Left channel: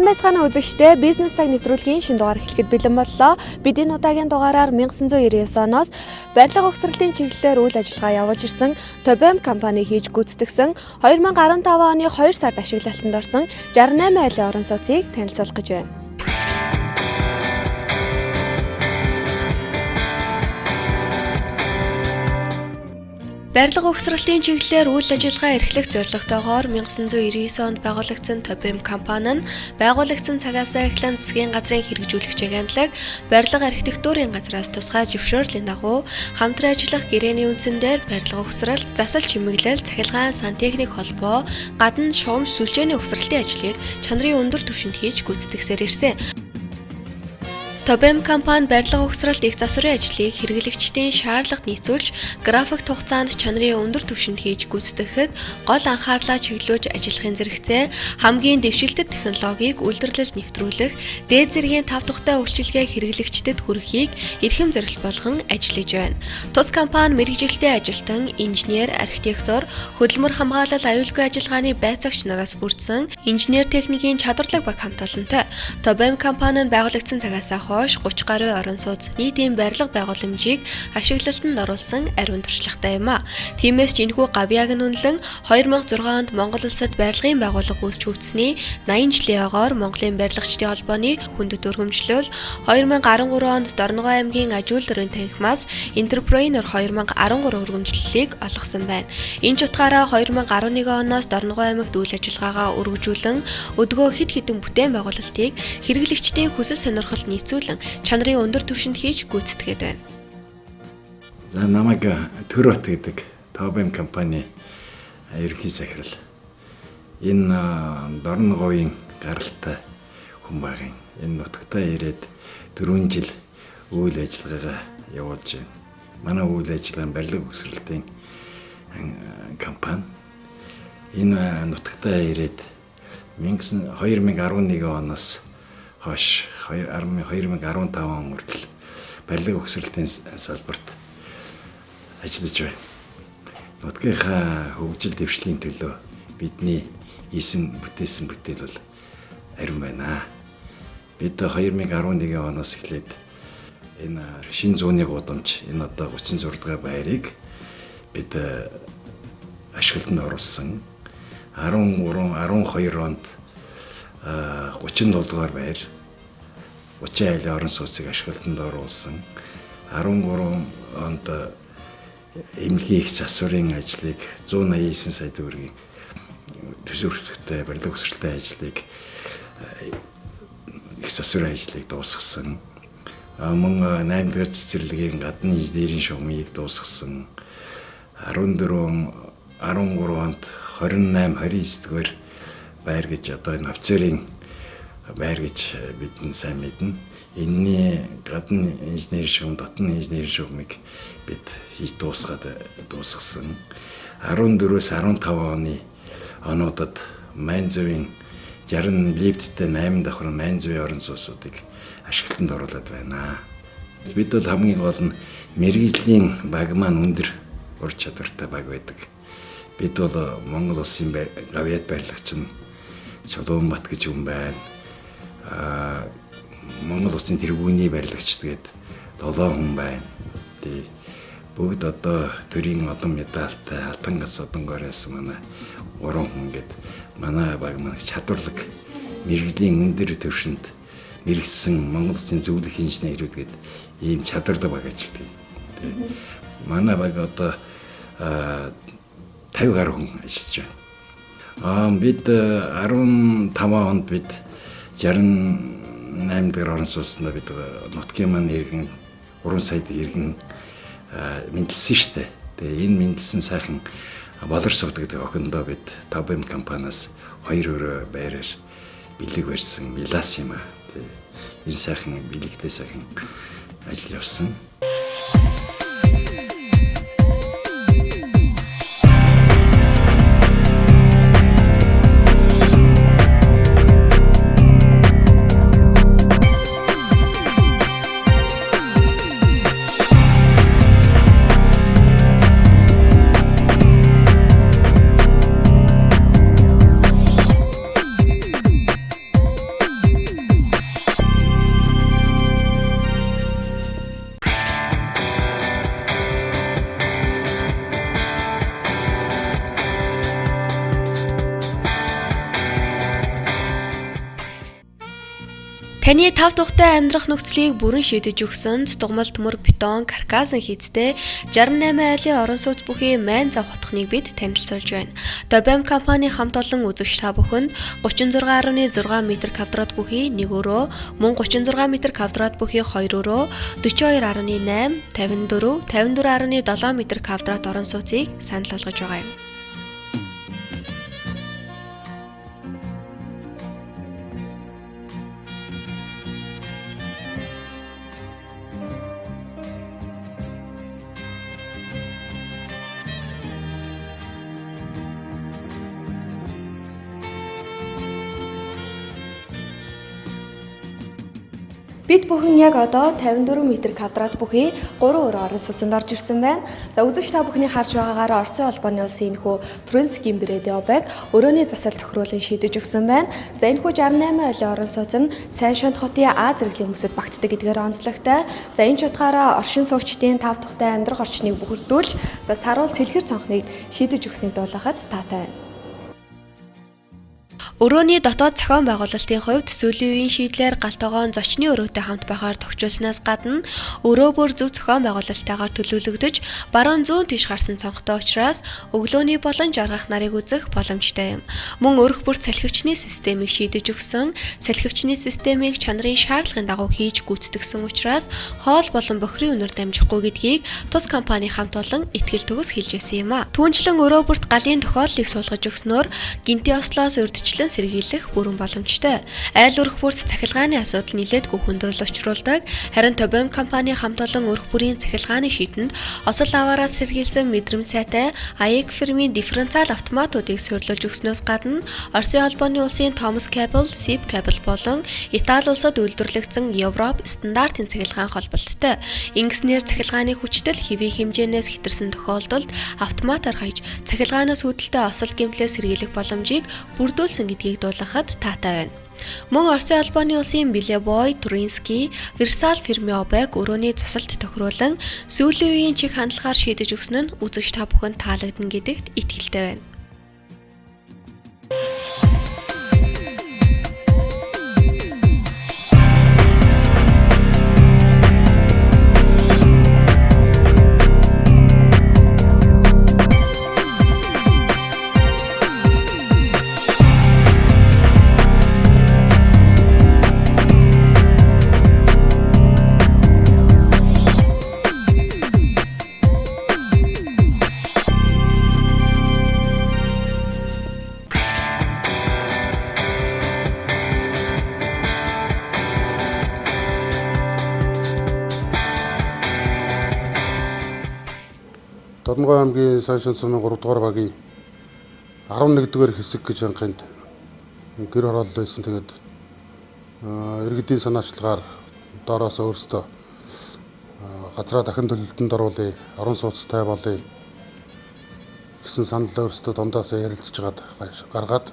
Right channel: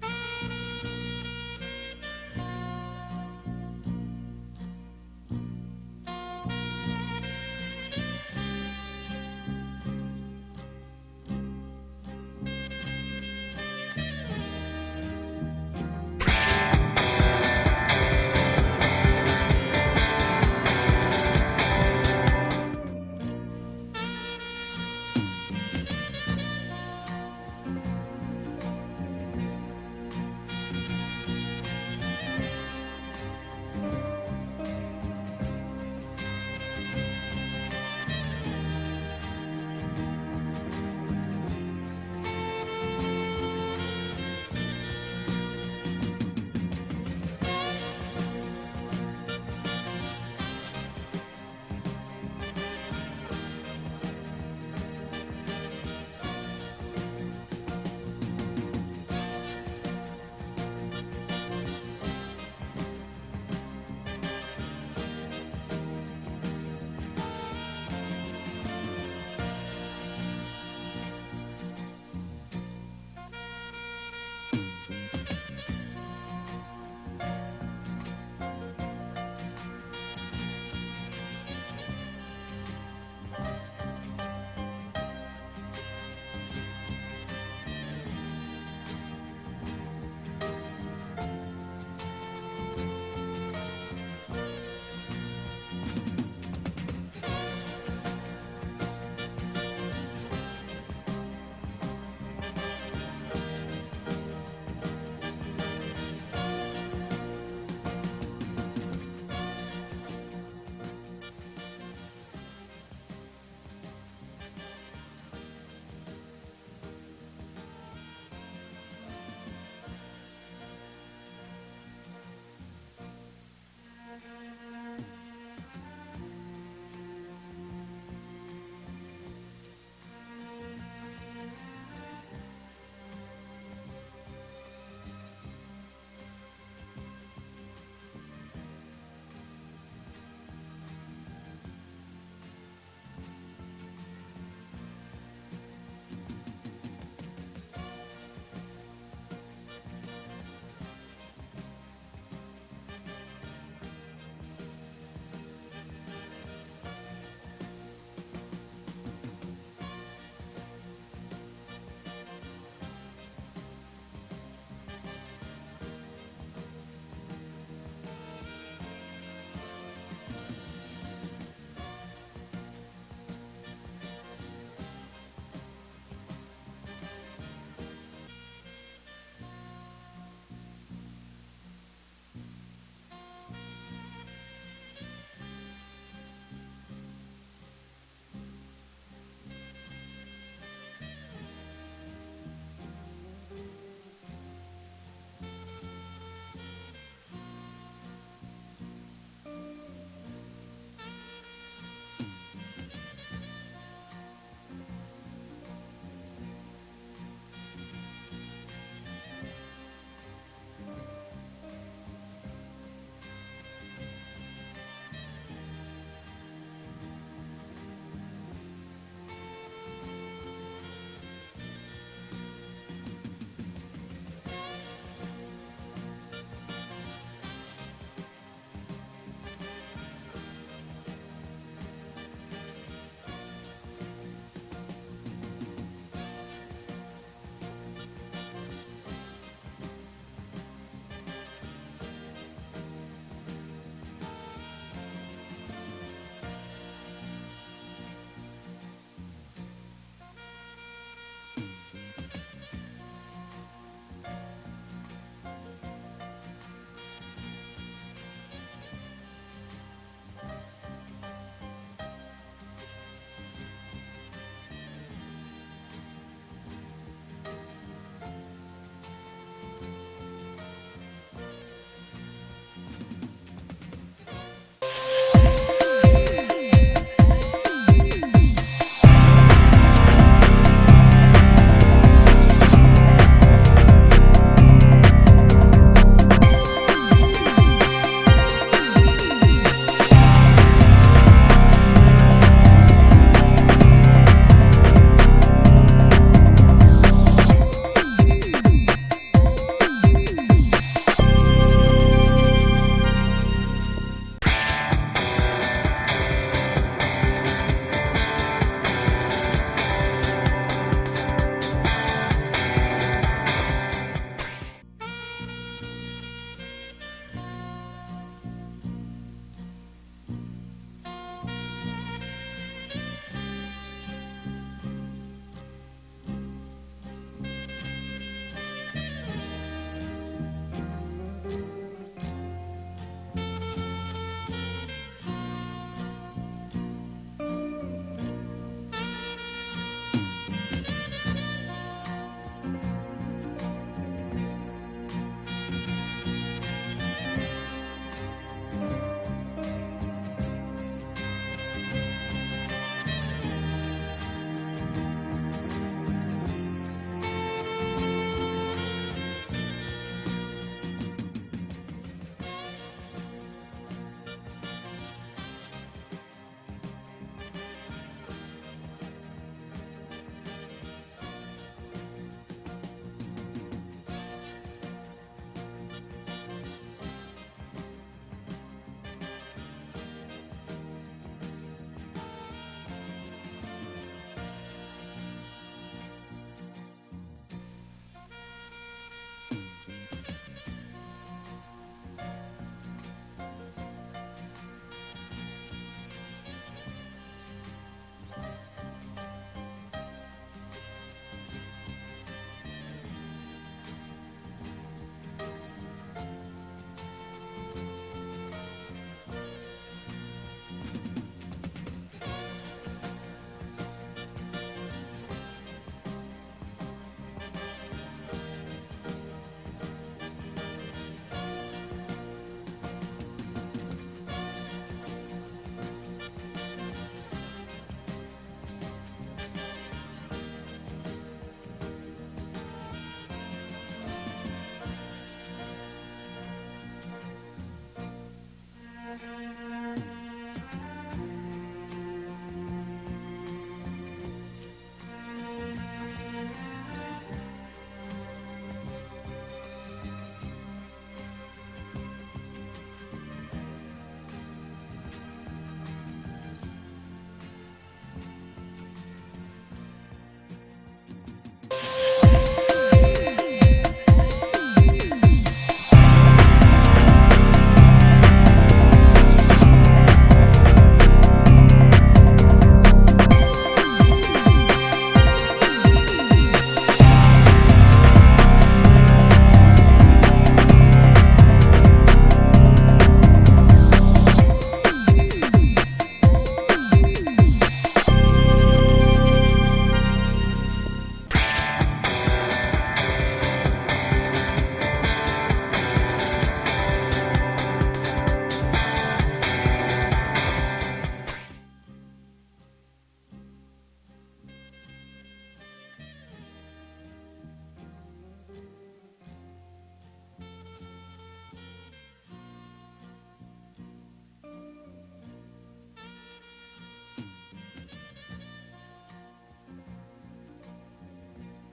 Сайн байцгаана үзэгчдээ, бизнес цаг нэвтрүүлгийн шинэ дугаар эхлэхэд бэлэн боллоо. Бид энэ удаагийн дугаараар 1999 оноос барилга угсралтын чиглэлээр үйл ажиллагаа явуулж ирсэн Tobem компани хийж гүйцэтгэсэн 2015 оны 2 сард ашиглалтанд орсон 68 айлын орон сууцыг танилцуулах гэж байна. Барилга угсралтын чиглэлээр үйл ажиллагаа эрхлэх зорилготойгоор 1999 онд байгуулагдсан Tobem компани нь байгуулагдсан цагаас эхлэн засгийн газрын хэрэгжүүлэгч агентлаг, барилга архитектурын газраас тусгай зөвшөөрлийн дагуу хамтран ажиллах гэрээний үндсэндээр барилга угсралт, засал чимэглэл, цахилгаан, сантехник холбоо, гадна шугам сүлжээний угсралтын ажлыг чанарын өндөр түвшинд хийж гүйцэтгсээр ирсэн. Tobem компани барилга угсралт их засварын ажлыг хэрэглэгчдийн шаардлагад нийцүүлж, графикт хугацаанд чанарын өндөр түвшинд хийж гүйцэтгэхэд гол анхаарлаа чиглүүлж ажиллахын зэрэгцээ хамгийн дэвшилтэт технологиг үйлдвэрлэлд нэвтрүүлэх, дээд зэргийн тав тухтай үйлчилгээ хэрэглэгчдэд хүргэхийг эрхэм зорилт болгон ажиллаж байна. Тус компани мэргэжилтэй ажилтан, инженер, архитектор, хөдөлмөр хамгаалал аюулгүй ажиллагааны байцаагч нараас бүрдсэн инженер техникийн чадварлаг баг хамт олонтой. Tobem компани нь байгуулагдсан цагаас 30 гаруй орон сууц нийтийн барилга байгууламжийг ашиглалтанд оруулсан ариун туршлагатай юм а. Тиймээс ч энэхүү гавьяаг нь үнэлэн 2006 онд Монгол улсад барилгын байгууллага үүсч үүсний 80 жилийн ойгоор Монголын барилгачдын холбооны хүндэт өргөмжлөл 2013 онд Дорногов аймгийн Ажил дөрвийн танхимаас Entrepreneur 2013 өргөмжлөлийг олгосон байна. Энэ ч утгаараа 2011 оноос Дорногов аймагт үйл ажиллагаагаа өргөжүүлэн өдгөө хэд хэдэн бүтээн байгуулалтыг хэрэглэгчдийн хүсэл сонирхолд нийцүүлэн чанарын өндөр түвшинд хийж гүйцэтгээд байна. За намайг Төрөт гэдэг Tobem компани ерөнхий захирал. Энэ Дорноговын гаралтай хүн багын. Энэ нутагтаа ирээд 4 жил үйл ажиллагаагаа явуулж байна. Манай үйл ажиллагаа барилга угсралтын компани. Энэ нутагтаа ирээд 2011 оноос хойш 2015 он хүртэл барилга угсралтын салбарт ажиллаж байна. Нутгийнхаа хөгжил дэвшлийн төлөө бидний хийсэн бүтээсэн бүтээл бол ариун байна. Бид 2011 оноос эхлээд энэ шинэ зууны гудамж, энэ одоо 36 дахь байрыг бид ашиглалтанд оруулсан. 12 онд 37 дугаар байр 30 айлын орон сууцыг ашиглалтанд оруулсан. 13 онд эмнэлгийн их засварын ажлыг 189 сая төгрөгийн төсвөртэй барилга угсралтын ажлыг их засварын ажлыг дуусгасан. Мөн 8 дахь цэцэрлэгийн гадны инженерийн шугамыг дуусгасан. 13 онд 28 29 дугаар байр гэж одоо энэ офицерын байр гэж бид сайн мэднэ. Энэний гадны инженерийн шугам, дотны инженерийн шугамыг бид хийж дуусгасан. 14-өөс 15 оны онуудад Майнзовын 60 лифттэй 8 давхар Майнзовын орон сууцуудыг ашиглалтанд оруулаад байна. Бид бол хамгийн гол нь мэргэжлийн баг маань өндөр ур чадвартай баг байдаг. Бид бол Монгол улсын гавьяат барилгач нь Чулуунбат гэж хүн байна. Монгол улсын тэргүүний барилгачд гээд 7 хүн байна. Бүгд одоо төрийн олон медальтай алтан гац одонгоороос манай 3 хүн гээд манай баг маань чадварлаг мэргэжлийн өндөр түвшинд мэргэжсэн Монгол улсын зөвлөх инженерүүд гээд ийм чадвартай баг ажилладаг. Манай баг одоо 50 гаруй хүн ажиллаж байна. Бид 15 онд бид 68 дахь орон сууцнд бид нутгийн маань иргэн 3 сая иргэн мэдлсэн штэ. Тэгээ энэ мэдлсэн сайхан болорсууд гэдэг охиндоо бид Tobem компаниас 2 өрөө байраар бэлэг барьсан, билаас юм аа. Энэ сайхан бэлэгтэй сайхан ажил явсан. Таны тав тухтай амьдрах нөхцөлийг бүрэн шийдэж өгсөн цэцгмал төмөр бетон каркасан хийцтэй 68 айлын орон сууц бүхий майн зав хотхныг бид танилцуулж байна. Добэм компани хамт олон үзэгч та бүхэнд 36.6 м2 бүхий 1 өрөө, мөн 36 м2 бүхий 2 өрөө, 42.8, 54, 54.7 м2 орон сууцыг санал болгож байгаа юм. Бид бүхэн яг одоо 54 м2 бүхий 3 өрөө орон сууцнд орж ирсэн байна. За үзэгч та бүхний харж байгаагаар Орцын холбооны улсын энэхүү Туринскийн Брэдиобыг өрөөний засал тохируулан шийдэж өгсөн байна. За энэхүү 68 айлын орон сууц нь сайн шант хотын А зэрэглэлийн хүмүүсд багтдаг гэдгээр онцлогтой. За энэ ч утгаараа оршин суугчдын тав тухтай амьдрах орчныг бүхэрдүүлж, за саруул цэлхэр цонхныг шийдэж өгснийг дуулахад таатай байна. Өрөөний дотоод зохион байгуулалтын хувьд сүүлийн үеийн шийдлээр галтойгоон зочны өрөөтэй хамт байхаар тохижуулснаас гадна өрөө бүр зөв зохион байгуулалттайгаар төлөвлөгдөж баруун зүүн тийш гарсан цонхтой учраас өглөөний болон жаргах нарыг үзэх боломжтой юм. Мөн өрх бүр салхивчны системийг шийдэж өгсөн, салхивчны системийг чанарын шаардлагын дагуу хийж гүйцэтгсэн учраас хоол болон бохирын үнээр дамжихгүй гэдгийг тус компани хамт олон итгэл төгс хэлж байсан юм а. Түүнчлэн өрөө бүрт галын тохиоллыг суулгаж өгснөөр гинти ослоос урьдчилан сэргийлэх бүрэн боломжтой. Айл өрх бүрт цахилгааны асуудал нэлээдгүй хүндрэл учруулдаг. Харин Добэм компани хамт олон өрх бүрийн цахилгааны шийдэнд осол аваараас сэргийлсэн мэдрэмж сайтай AEG фирмийн дифференциал автоматуудыг суйрлуулж өгснөөс гадна Орсын холбооны улсын Томас Кабл, Сип Кабл болон Итали улсад үйлдвэрлэгдсэн Европ стандартын цахилгаан холболттой. Ингэснээр цахилгааны хүчтэй хэвийн хэмжээнээс хэтэрсэн тохиолдолд автоматар хаяж цахилгаанаас үүдэлтэй осол гэмтлээ сэргийлэх боломжийг бүрдүүлсэн гэдгийг дуулахад таатай байна. Мөн Орсын холбооны улсын Билебой, Туринский, Версал фирмийн обыг өрөөний засалт тохируулан сүүлийн үеийн чиг хандлагаар шийдэж өгсөн нь үзэгч та бүхэнд таалагдана гэдэгт итгэлтэй байна. Дорногой аймгийн Сайшин сумын 3 дугаар багийн 11-р хэсэг гэж анханд гэр хороолол байсан. Тэгээд иргэдийн санаачлагаар доороос өөрсдөө газраа дахин төлөлтөнд оруулъя, орон сууцтай болъё гэсэн санал өөрсдөө дундаас ярилцж гаргаад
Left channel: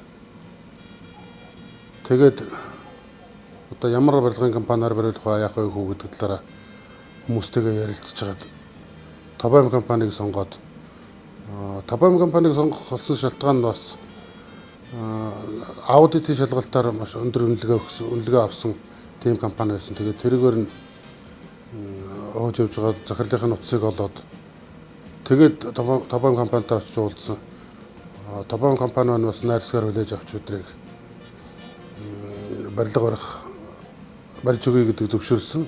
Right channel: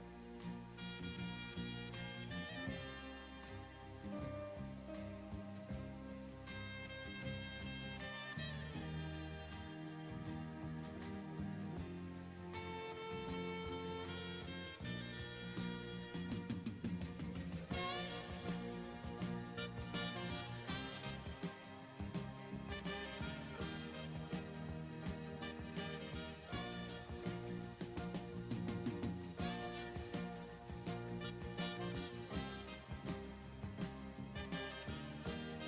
тэгээд одоо ямар барилгын компаниар бариулах вэ, яах вэ гэдэг талаараа хүмүүстэйгээ ярилцж хагаад Добэм компаниг сонгоод Добэм компаниг сонгох болсон шалтгаан нь бас аудитын шалгалтаар маш өндөр үнэлгээ авсан тийм компани байсан. Тэгээд тэргээр нь хөөж явж байгаа захирлын утсыг олоод тэгээд Добэм компанитай очиж уулзсан. Добэм компани маань бас найрсгаар хүлээж авч өдрийг барилга барьж өгье гэдэг зөвшөөрсөн.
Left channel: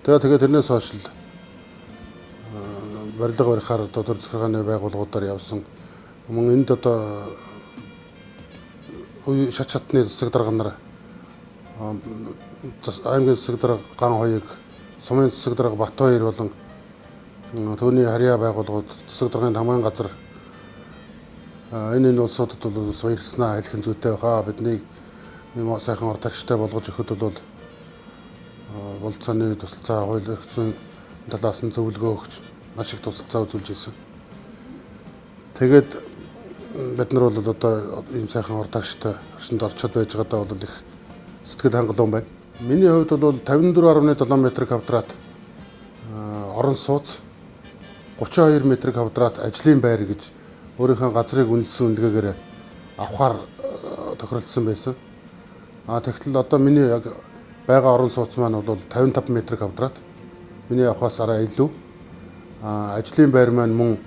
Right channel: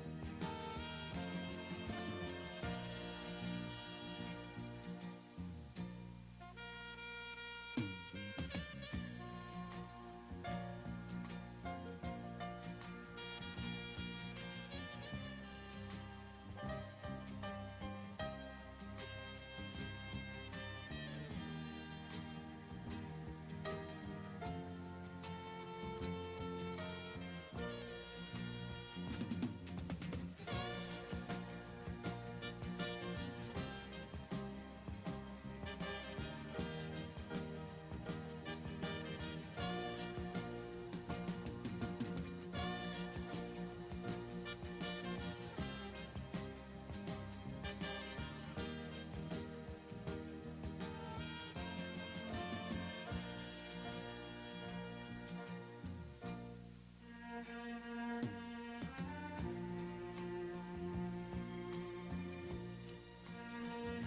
Тэгээд тэрнээс хойш барилга барихаар дотор захиргааны байгууллагуудаар явсан. Мөн энд одоо шат шатны засаг дарга нар аймгийн засаг дарга Ган хоёрыг, сумын засаг дарга Бат хоёр болон түүний харьяа байгууллагууд засаг даргын хамгийн газар энэ улсуудад бол баярснаа хэлхэн зүйтэй хаа бидний юм сайхан ортогчтой болгож өгөхөд бол болцооны тусалцаа хууль эрх зүйн талаас нь зөвлөгөө өгч маш их тусалцаа үзүүлж ирсэн. Тэгээд бид нар бол одоо ийм сайхан ортогчтой орчинд орчод байж байгаадаа бол их сэтгэл хангалуун байна. Миний хувьд бол 54.7 м2 орон сууц, 32 м2 ажлын байр гэж өөрийнхөө газрыг үнэлсэн үнэлгээгээр авахар тохиролцсон байсан. Тэгтэл одоо миний яг байгаа орон сууц маань бол 55 м². Миний авахаас арай илүү. Ажлын байр маань мөн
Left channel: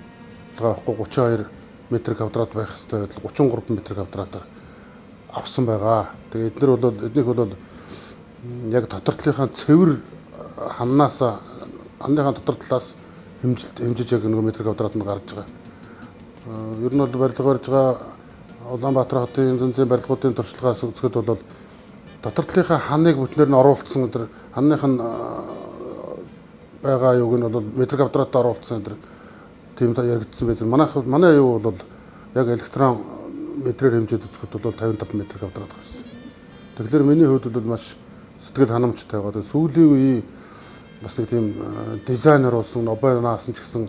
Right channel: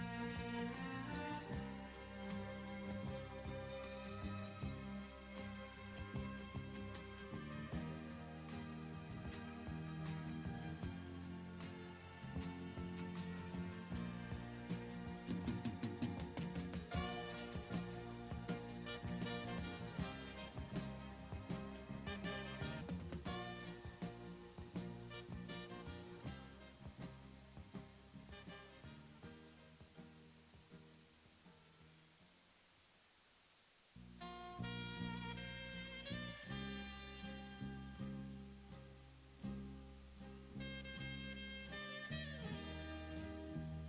байхгүй 32 м² байх хэвээр 33 м²-аар авсан байгаа. Тэгээ эднийх бол яг дотортлынхаа цэвэр ханныхаа дотор талаас хэмжиж яг нэг м²-д нь гарч байгаа. Ер нь бол барилга барьж байгаа Улаанбаатар хотын зэнзэн барилгуудын туршлагаас үзэхэд бол дотортлынхаа ханыг бүтнээр нь оруулсан өдр ханных нь байгаа юуг нь бол м²-д оруулсан өдр тийм та яригдсан байж. Манай юу бол яг электрон метрээр хэмжээд үзэхэд бол 55 м² гарсан. Тэгэхээр миний хувьд бол маш сэтгэл ханамжтай байгаа. Сүүлийн үеийн бас нэг тийм дизайнер болсон Обернаасан ч гэсэн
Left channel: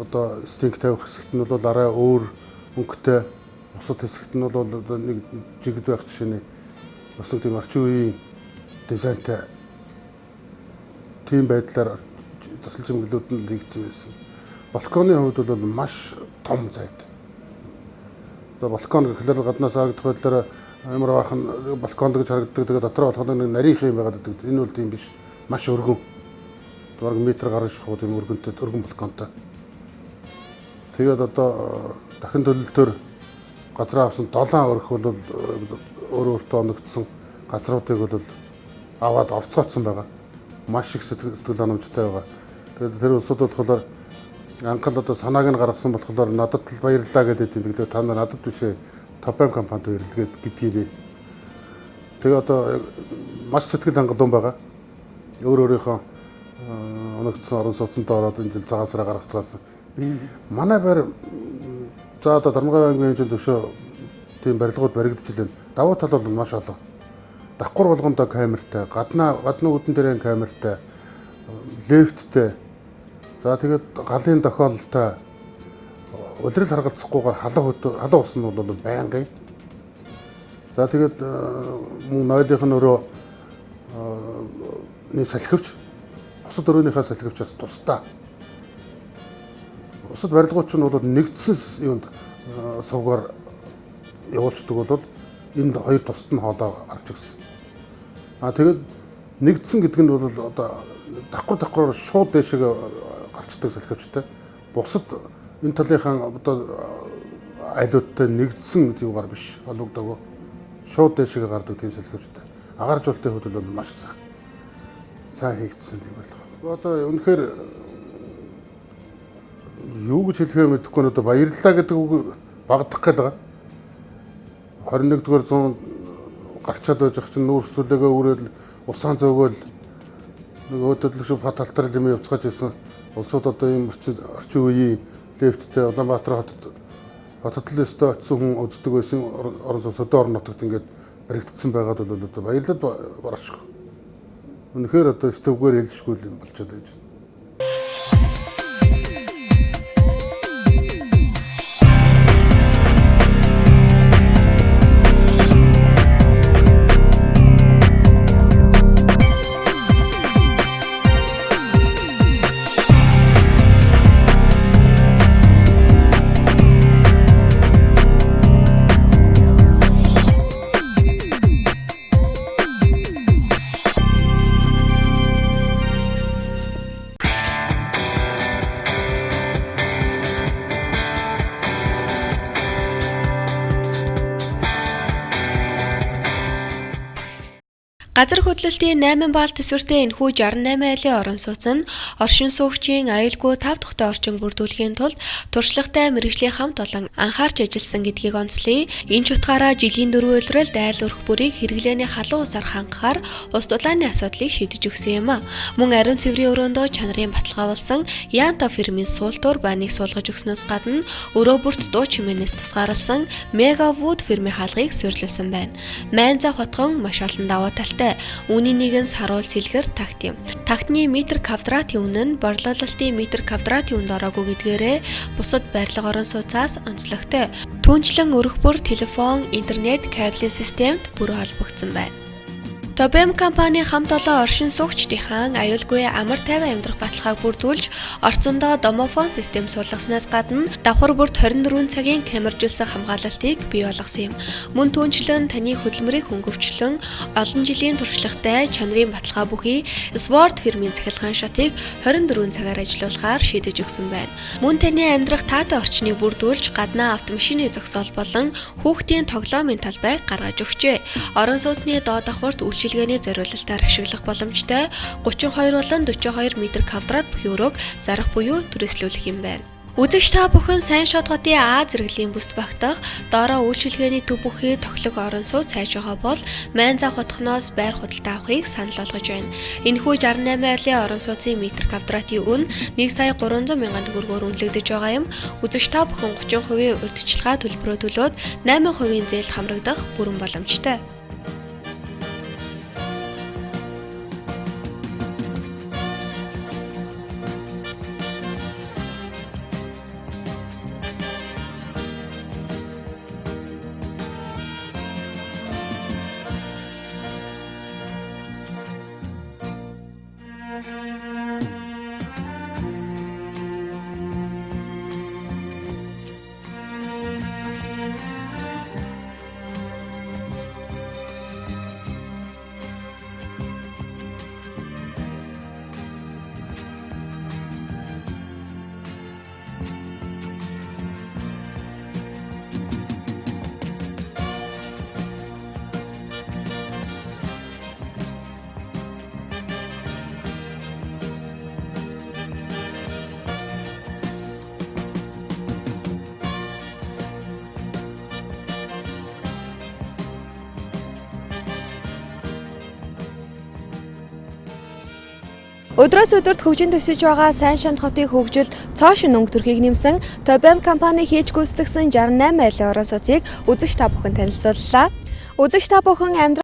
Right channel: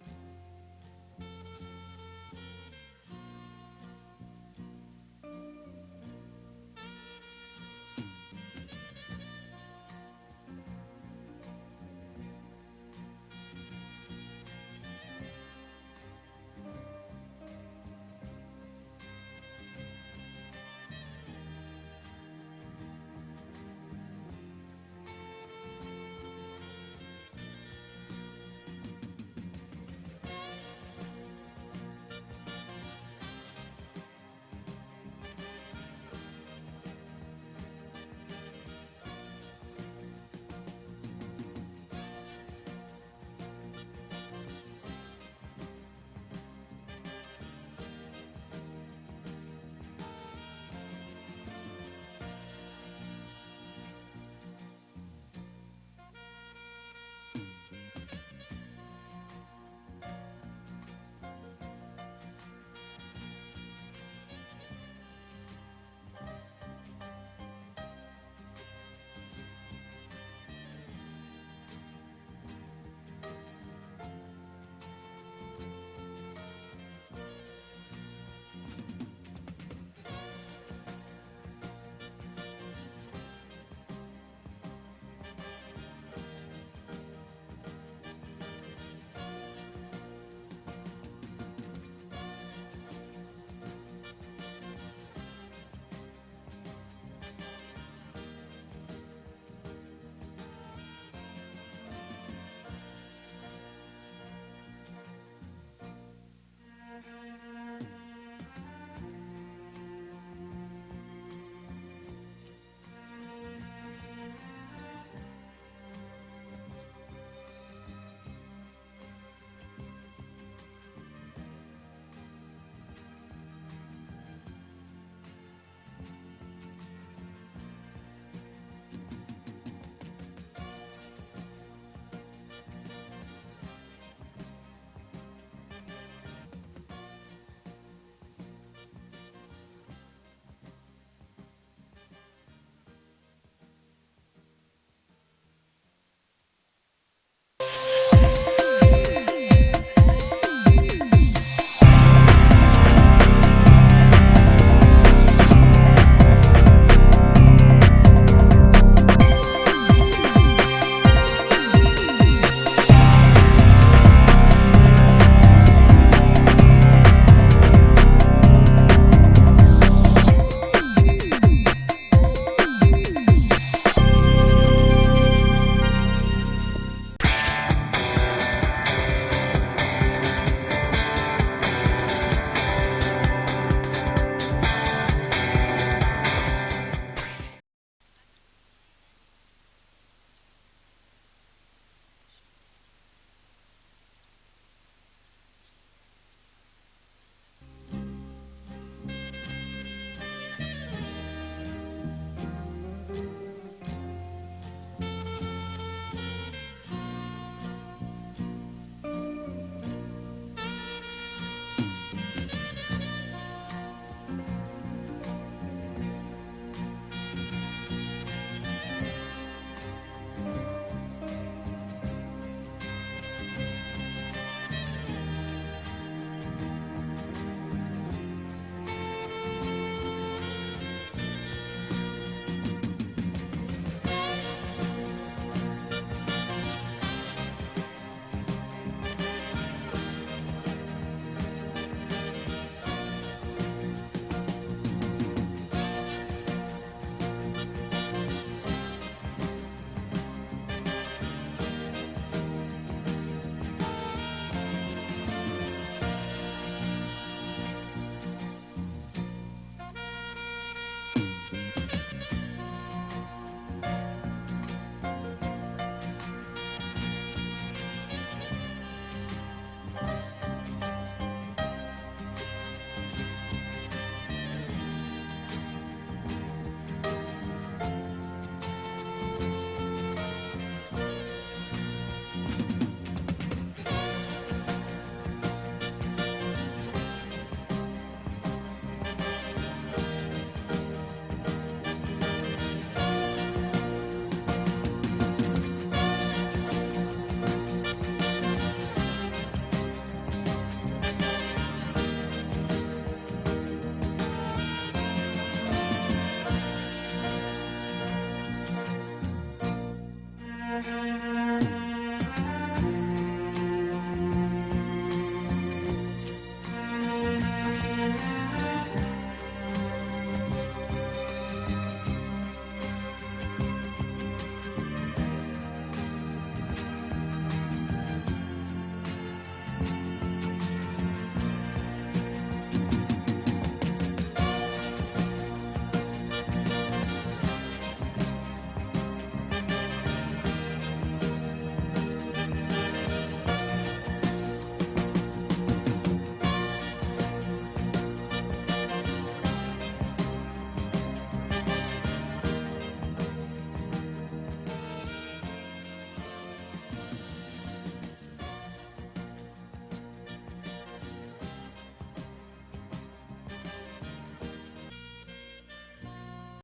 одоо стинг тавих хэсэгт нь бол арай өөр өнгөтэй, бусад хэсэгт нь бол нэг жигд байх жишээний бас нэг тийм орчин үеийн дизайнтай тийм байдлаар засал чимэглэлүүд нь хийгдсэн байсан. Балконы хувьд бол маш том зайд. Одоо балкон гэхлээр гаднаас харагдах байдлаар амар бахан балкон гэж харагддаг. Тэгээ дотор болоход нэг нарийнх юм байгаад байдаг. Энэ бол тийм биш. Маш өргөн. Бараг метр гаруй шахуу тийм өргөн балконтой. Тэгээд одоо дахин төлөлтөөр газар авсан 7 өрх бол өөртөө оногдсон газруудыг бол аваад орцгоцсон байгаа. Маш их сэтгэл ханамжтай байгаа. Тэгээд тэр улсууд болохоор анхад одоо санааг нь гаргасан болохоор надад л баярлалаа гэдэг юм. Тэгээд та нар надад бишээ Топен компанид баярлалаа гэдгийг. Тэгээ одоо маш сэтгэл хангалуун байгаа. Өөрийнхөө оногдсон орон сууцтай ороод энэ цагаасараа гаргацгаасан. Манай байр за одоо Дармгай аймгийн төшөө тийм барилгууд баригдаж байна. Давуу тал бол маш олон. Давхар болгондоо камертай, гадны үүдэн дээрээ камертай, лифттэй. За тэгээд галын тохиолдолтой өдрөл харгалзахгүйгээр халуун ус нь бол байнгын. За тэгээд мөн нойлынх нь өөрөө нэг салхивч, бусад өрөөнийхөө салхивчаас тусдаа. Бусад барилгууд ч нь бол нэгдсэн юунд сувгаар явуулцдаг бол энд хоёр тусад нь хоолоо гарч ирсэн. Тэгээд нэгдсэн гэдэг нь бол одоо давхар шууд дэшег гарчдаг салхивчтай. Бусад энэ талынхаа одоо айлуудтай нэгдсэн юугаар биш холбогддог. Шууд дэшег гардаг тийм салхивчтай. Агаар жуултын хувьд бол маш сайн хийгдсэн юм байна. Одоо үнэхээр юу гэж хэлэхээ мэдэхгүй нь одоо баярлалаа гэдэг үг багдах гал байгаа. 21-р зуунд гарчаад байж ах чинь нүүр сүлээгээ үрэл усаан зөөгөл нэг өөдөдлөг шиг хот алтар юм явцгааж ирсэн улсууд одоо ийм орчин үеийн лифттэй Улаанбаатар хотод л өстө очсон хүн үздэг байсан орон сууцтай орон нутагт ингээд баригдсан байгаад бол одоо баярлал барах. Үнэхээр одоо стөвгээр хэлшгүй юм болчиход байж байна. Газар хөдлөлтийн 8 баал төсвөртэй энэхүү 68 айлын орон сууц нь оршин суугчийн аюулгүй 5 дахьтай орчин бүрдүүлэхийн тулд туршлагатай мэргэжлийн хамт олон анхаарч ажилласан гэдгийг онцлоё. Энэ ч утгаараа жилийн 4 улиралд айл өрх бүрийг хэрэглээний халуун усаар хангахаар ус дулааны асуудлыг шийдэж өгсөн юм. Мөн ариун цэврийн өрөөндөө чанарын баталгаа болсон Янта фирмийн суултуур байныг суулгаж өгснөөс гадна өрөө бүрт дуу чимээнээс тусгаарласан Мегавуд фирмийн хаалгыг суйрлуулсан байна. Майнза хотгон маш олон давуу талтай. Үүний нэгэн саруул цэлгэр такт юм. Тактны метр квадратын үнэ нь борлуулалтын метр квадратын үнд ороогүй гэдгээрээ бусад барилга орон сууцаас онцлогтой. Түүнчлэн өрх бүр телефон, интернет, кабелийн системд бүр холбогдсон байна. Тобэм компани хамт олон оршин суугчдынхан аюулгүй амар тайван амьдрах баталгааг бүрдүүлж, орцондоо домофон систем суулгаснаас гадна давхар бүрт 24 цагийн камержуулсан хамгаалалтыг бий болгосон юм. Мөн түүнчлэн таны хөдөлмөрийг хөнгөвчлөн олон жилийн туршлагатай чанарын баталгаа бүхий Sword фирмийн захиалгын шатыг 24 цагаар ажиллуулахаар шийдэж өгсөн байна. Мөн таны амьдрах таатай орчныг бүрдүүлж, гаднаа автомашины зогсоол болон хүүхдийн тоглоомын талбайг гаргаж өгчээ. Орон сууцны доод давхарт үйлчилгээний зориулалтаар ашиглах боломжтой 32 болон 42 м квадрат бүхий өрөөг зарах буюу түрээслүүлэх юм байна. Үзэгч та бүхэн сайн шот хотын А зэрэглэлийн бүс багтах доороо үйлчилгээний төв бүхий тоглог орон сууц хайж байгаа бол Майн зах хотхоноос байр худалдаа авахыг санал болгож байна. Энэхүү 68 айлын орон сууцын метр квадратын үн 1,300,000 төгрөгөөр үнэлэгдэж байгаа юм. Үзэгч та бүхэн 30% урьдчилгаа төлбөрөө төлөөд 8% зээл хамрагдах бүрэн боломжтой. Өдрөөс өдөрт хөгжин төсөж байгаа сайн шанд хотын хөгжил цоо шин өнгө төрхийг нэмсэн Тобэм компани хийж гүйцэтгэсэн 68 айлын орон сууцыг үзэгч та бүхэн танилцууллаа. Үзэгч та бүхэн амьдрах